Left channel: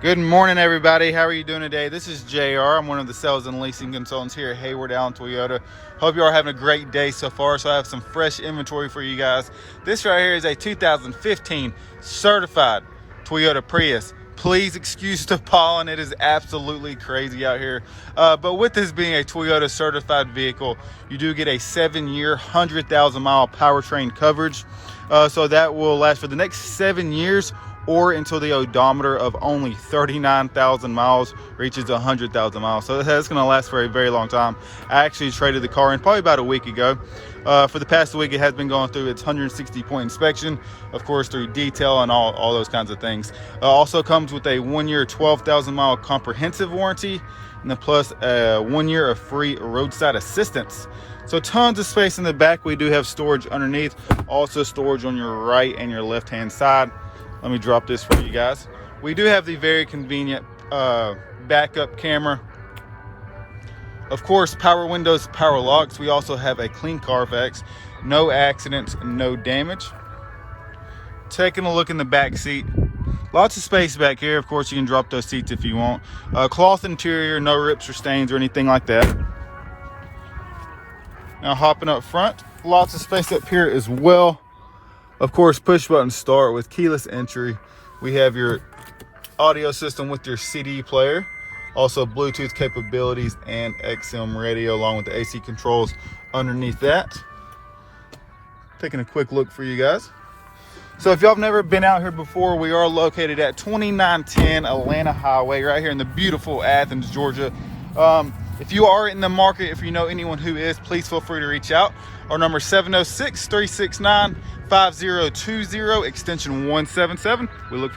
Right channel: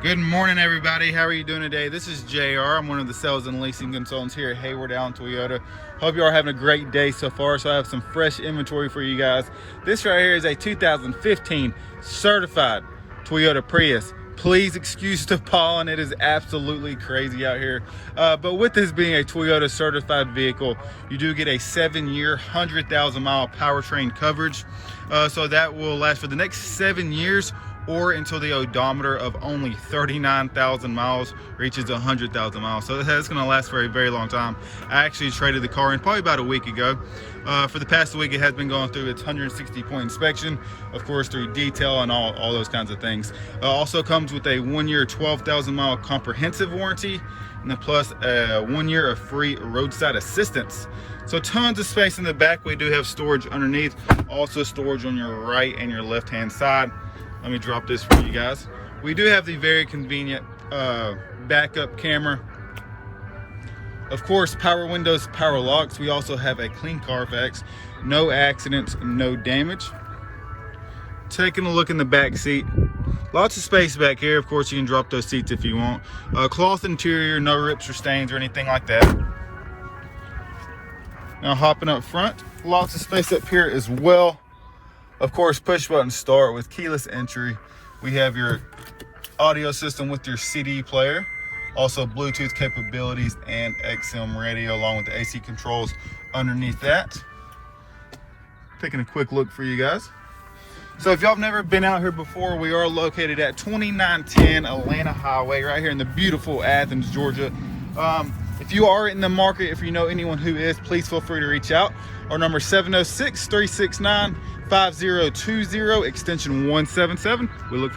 Good morning, everybody. How are you doing today? This is JR. I'm one of the sales and leasing consultants here at Heyward Toyota. Hope you are having a great day so far. So I have some fresh inventory for you guys. This right here is a 2015 certified Toyota Prius. Please excuse the pollen. It is absolutely crazy out here. But with this being a Toyota certified vehicle, you do get a 7-year, 100,000 mile powertrain coverage. So that will last for the next 7 years, or until the odometer of only 39,000 miles reaches 100,000 miles. So that's gonna last for a very long time. I actually traded the car in probably about a week ago. For the past week, it has been going through its 160-point inspection, of course, through detail and all those kinds of things. Also comes with a 1-year, 12,000 mile comprehensive warranty, and then plus 1 year of free roadside assistance. So tons of space in the back. We do have storage underneath, also storage on your right and your left-hand side. Let me drop this for you guys. We do have the very convenient backup camera. Of course, power windows, power locks. We also have a clean Carfax, no accidents, no damage. Taking a look in the back seat. Lots of space back here. Of course, you can drop those seats if you want. Cloth interior, no rips or stains or anything like that. Now hopping up front, lots of space up here as well. Of course, push button start with keyless entry. We have your audio system with your CD player, also Bluetooth capabilities and XM radio, along with the AC controls underneath that. Taking a quick look for you guys. So if y'all have never been out here before, we are located at 2910 Atlanta Highway, right here in the beautiful Athens, Georgia. If you are in the market, if you know anyone who is, please feel free to reach out. Our number is 706-369-5020, extension 177. We look